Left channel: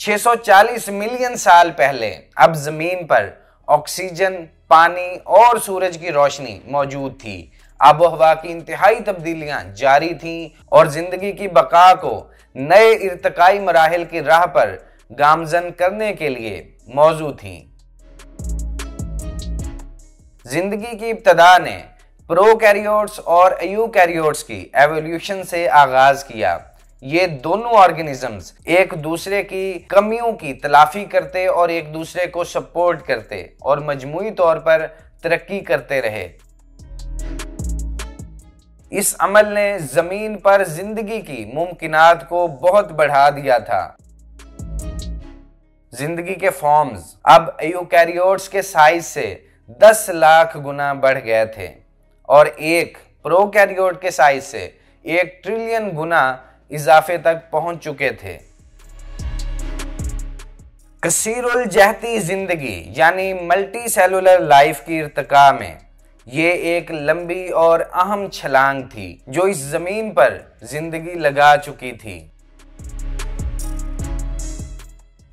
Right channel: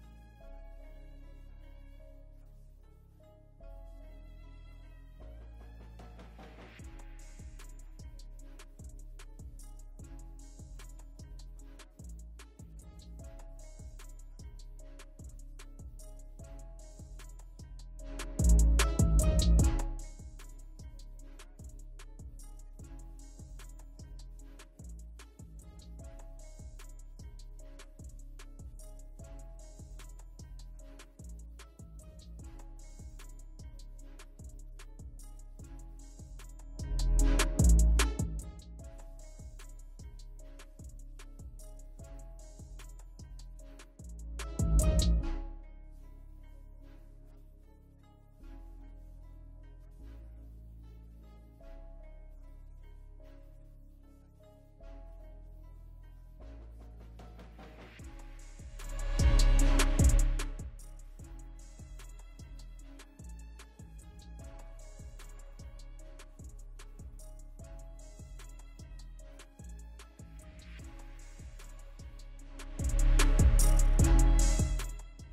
640 million साल पहले अब जमीन पर ऑक्सीजन, पानी और सूरज की रोशनी मौजूद थी। आबोहवा की इंतहाई तब्दीलियां जारी थीं और जिंदगी की बका को नए इर्तिकाई मराहिल की राह पर गामजन करने के लिए मौजूद थीं। जिंदगी की इब्तदा ने प्रोकैरियोट्स और यूकैरियोट्स की एवोल्यूशन से आगाज किया। ये दोनों ऑर्गेनिजम्स एक दूसरे की कमियों की तलाफी करते और एक दूसरे को सपोर्ट करते और मजमूई तौर पर तरक्की करते रहे। इस अमल ने जमीन पर जिंदगी की मुमकिनात को बहुत बढ़ा दिया था। जिंदगी के फॉर्म्स अब यूकैरियोट्स के साइज से 10 लाख गुना बढ़ गए थे और एक प्रोकैरियोट के साइज से 1 ट्रिलियन गुना इजाफे तक पहुंच चुके थे। कसीरुल जहती जिंदगी यानी मल्टी सेलुलर लाइफ की इर्तिका में ये एक लंबी और अहम छलांग थी जो इस जमीन पर जिंदगी लगा चुकी थी।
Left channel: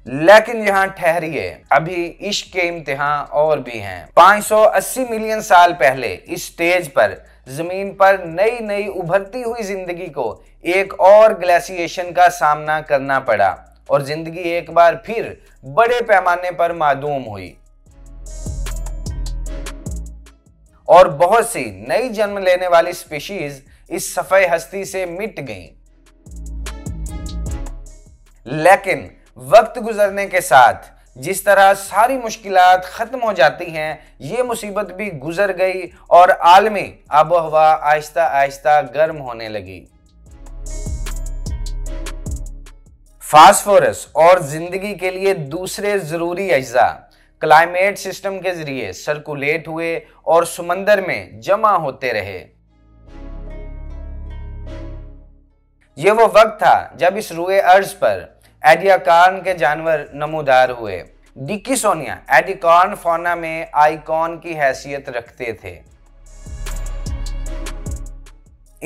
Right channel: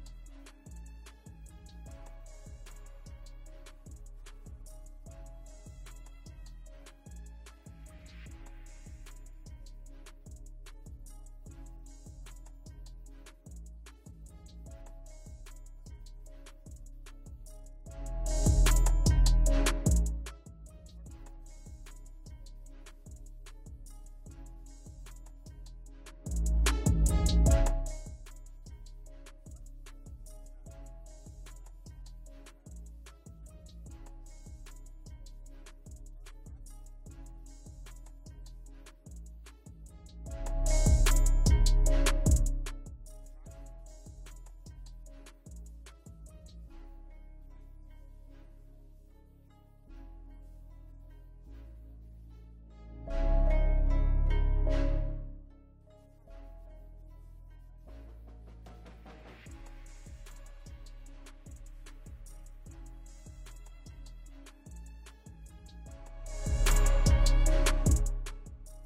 लेकिन यहाँ ठहरिए, अभी इश्क के इम्तिहान और भी हैं। 580 मिलियन साल पहले इस स्टेज पर जमीन पर नई नई उभरती हुई जिंदगी को एक और ग्लेशिएशन का सामना करना पड़ा और जिंदगी एक बार फिर बड़े पैमाने पर मादूम हुई और बहुत सी नई जन्म लेने वाली स्पीशीज इस सफे हस्ती से मिट गईं। लेकिन वक्त गुजरने के साथ जिस तरह सारी मुश्किलात खत्म हो जाती हैं, ये मुसीबत भी गुजर गई और आलमी आबोहवा आहिस्ता आहिस्ता गर्म होने लगी। फास्फोरस और जिंदगी के लिए दूसरे जरूरी अज्जा क्लाइमेट सिस्टम के जरिए सर्कुलेट हुए और समंदर में जमा होते रहे। यह वो वक्त था जब इस रुए अर्ज पर एडियाकॉर्न के जानवर नमूदार हुए। डिकिसोनिया एडिकॉर्न फौना में आइकॉन की हैसियत रखते थे।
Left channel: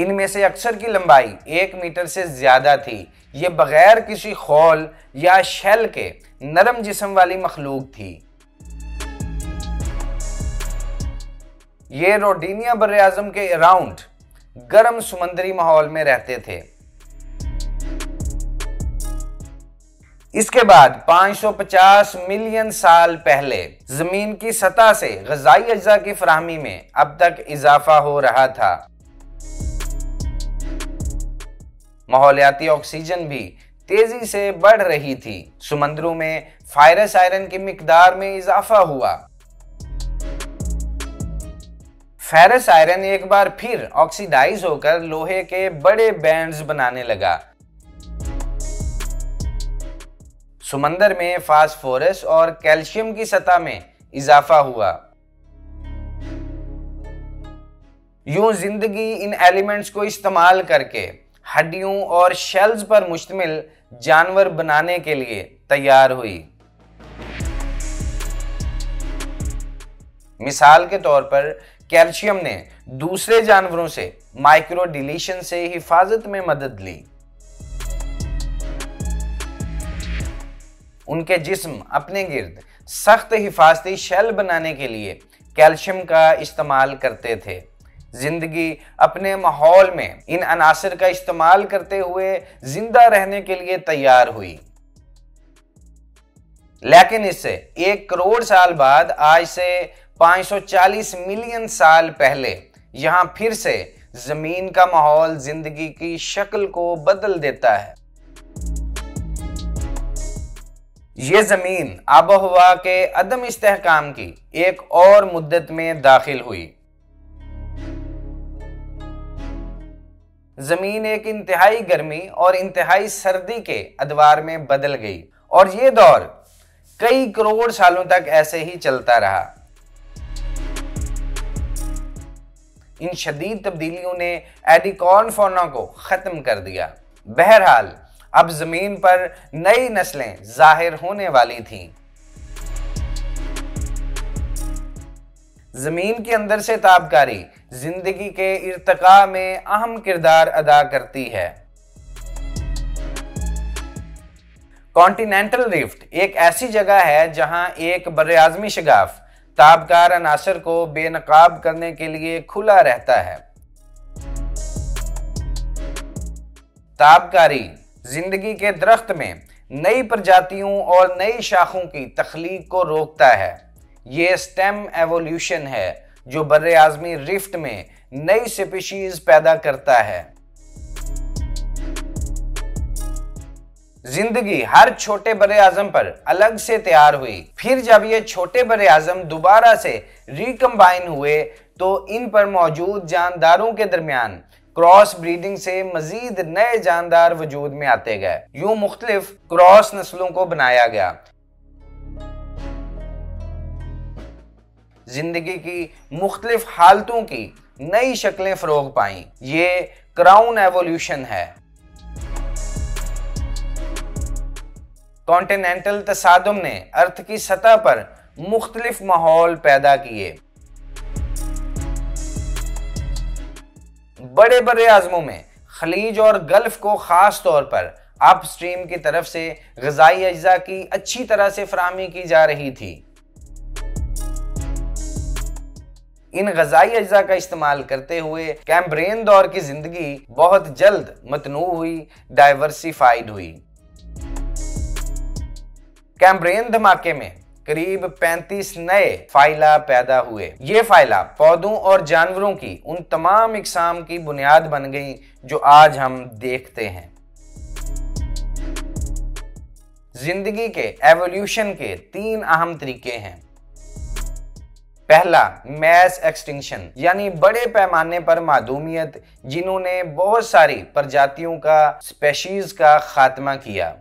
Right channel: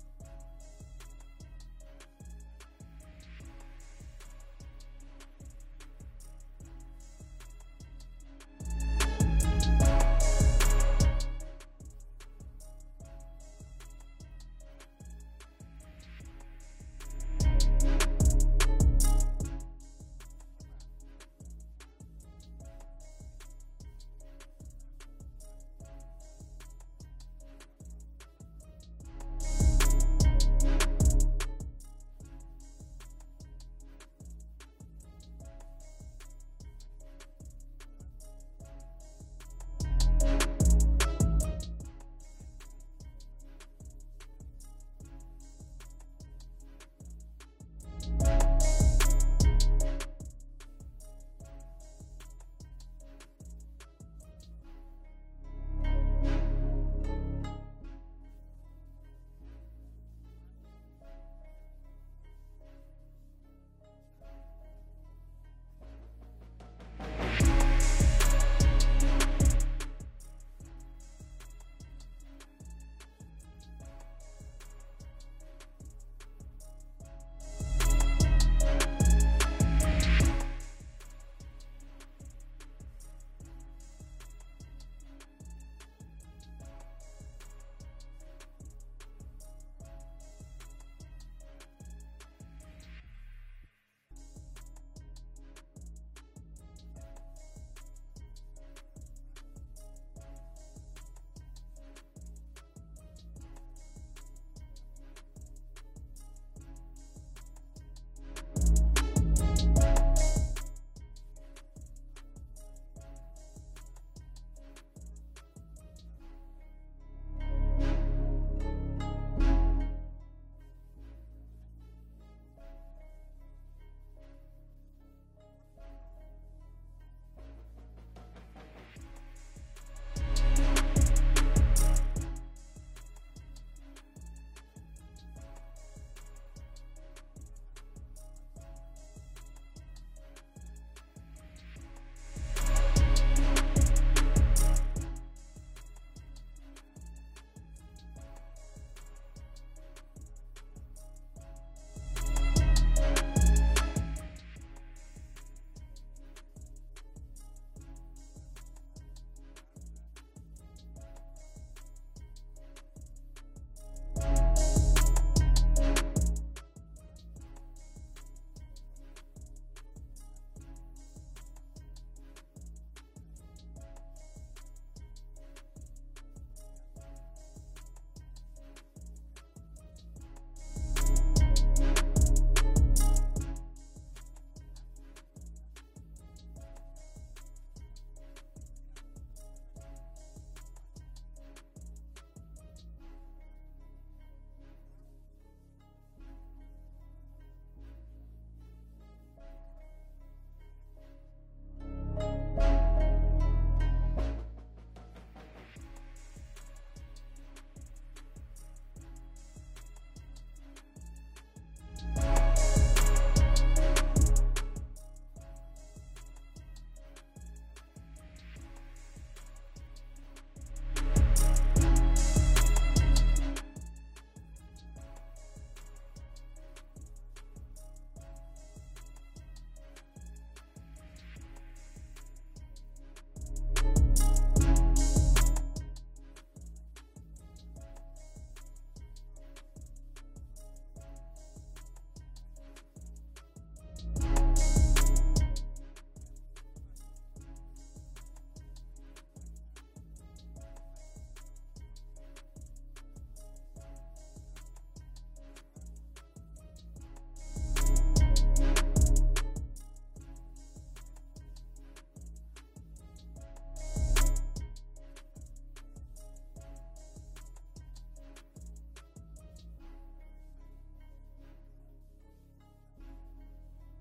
इनमें से अक्सर की लंबाई 1 मीटर से ज्यादा थी। ये बगैर किसी खोल या शेल के नरम जिस्म वाली मखलूक थी। ये रोडीनिया बर्रे-आज़म के अराउंड गर्म समुद्री माहौल में रहते थे। इसके बाद 550 मिलियन साल पहले जमीन की सतह से ग़िज़ाई अज्जा की फराहमी में अब तक इजाफा हो रहा था। माहौलियाती ऑक्सीजन भी तेजी से बढ़ रही थी। समंदरों में फेरस आयरन की मिकदार में इजाफा हुआ। फेरस आयरन एक बार फिर ऑक्सीडाइज होकर लोहे के बड़े बैंड्स बनाने लगा। समंदर में फास्फोरस और कैल्शियम की सतह में इजाफा हुआ। यूं जिंदगी इन एलिमेंट्स को इस्तेमाल करके हड्डियों और शेल्स पर मुश्तमिल जानवर बनाने के लिए तैयार हुई। मिसाल के तौर पर कैल्शियम ने दूसरे जानवरों से माइक्रो डिलीशन से हिफाजत में मदद ली। उनके जिस्म अपने गिर्द सख्त हिफाजती शेल बनाने के लिए कैल्शियम का इस्तेमाल करते थे। जिंदगी अपने माहौल में इन अनासर का इस्तेमाल करते हुए जिंदा रहने के लिए तैयार हुई। लेकिन इससे 1 करोड़ साल बाद, आज से 540 मिलियन साल पहले, यहां फिर से जमीन का माहौल जिंदगी की शक्ल को बदल देता है। ये जमीन आबोहवा के अदम इस्तेहकाम की एक और मुद्दत में दाखिल हुई। जमीन एक इंतहाई गर्मी और इंतहाई सर्दी के अदवार में बदल गई और ये दौर कई करोड़ सालों तक ऐसे ही चलता रहा। इन शदीद तब्दीलियों ने एडिकॉर्न फौना को खत्म कर दिया। बहरहाल अब जमीन पर नई नस्लें जाहिर होने वाली थीं। जमीन के अंदर से ताबकारी जिंदगी के इर्तिका में अहम किरदार अदा करती है। कॉन्टिनेंटल रिफ्ट एक ऐसी जगह है जहां एक बर्रे-आज़मी शगाफ ताबकार अनासर को बेनकाब करने के लिए खुला रहता है। ताबकारी जिंदगी के दरख्त में नई प्रजातियों और नई शाखों की तख्लीक को रोकता है। ये स्टेम एवोल्यूशन है जो बर्रे-आज़मी रिफ्ट में नई स्पीशीज पैदा करता है। जिंदगी हर छोटे बर्रे-आज़म पर अलग से तैयार हुई, फिर जब ये छोटे बर्रे-आज़म दोबारा से रिकम्बाइन हुए तो इन पर मौजूद जानदारों के दरमियान क्रॉस ब्रीडिंग से मजीद नए जानदार वजूद में आते गए। यूं मुख्तलिफ क्रॉस नस्लों को बनाया गया। जिंदगी की मुख्तलिफ हालतों की नई शक्लें फरोग पाईं। ये क्राउन एवोल्यूशन है। कॉन्टिनेंटल तसादुम ने अर्थ की सतह पर मुख्तलिफ माहौल पैदा किए। बड़े बर्रे-आज़मों में खलीज और गल्फ को खास तौर पर अपस्ट्रीम की तरफ से ग़िज़ाई अज्जा की अच्छी तरह से फराहमी की जा रही थी। इन ग़िज़ाई अज्जा का इस्तेमाल करते हुए कैम्ब्रियन दौर की जिंदगी बहुत जल्द मतनू हुई, डाइवर्सिफाइड हुई। कैम्ब्रियन धमाके में करीब 35 नए फाइला पैदा हुए। ये फाइला पौधों और जानवरों की उन तमाम इकसाम की बुनियाद बन गई जो आज हम देखते हैं। जिंदगी के एवोल्यूशन के 3 अहम तरीके हैं। पहला, मैस एक्सटिंक्शन यानी बड़े पैमाने पर मादूमियत जिन्होंने बहुत सारी प्रजातियों का स्पेशीज का खात्मा किया।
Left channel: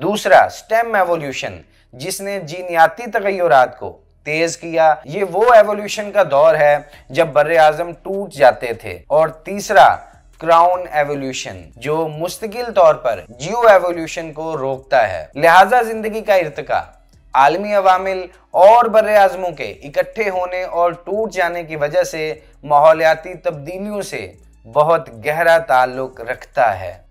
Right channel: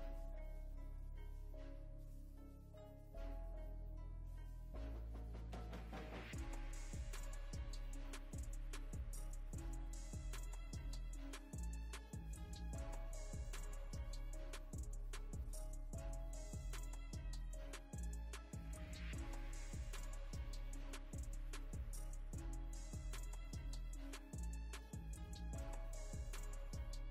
दूसरा, स्टेम एवोल्यूशन जिसने जीनियाती तगय्युरात को तेज किया। ये वो एवोल्यूशन का दौर है जब बर्रे-आज़म टूट जाते थे। और तीसरा, क्राउन एवोल्यूशन जो मुस्तकिल तौर पर जियो एवोल्यूशन को रोकता है। लिहाजा जिंदगी का इर्तिका आलमी अवामिल और बर्रे-आज़मों के इकट्ठे होने और टूट जाने की वजह से माहौलियाती तब्दीलियों से बहुत गहरा ताल्लुक रखता है।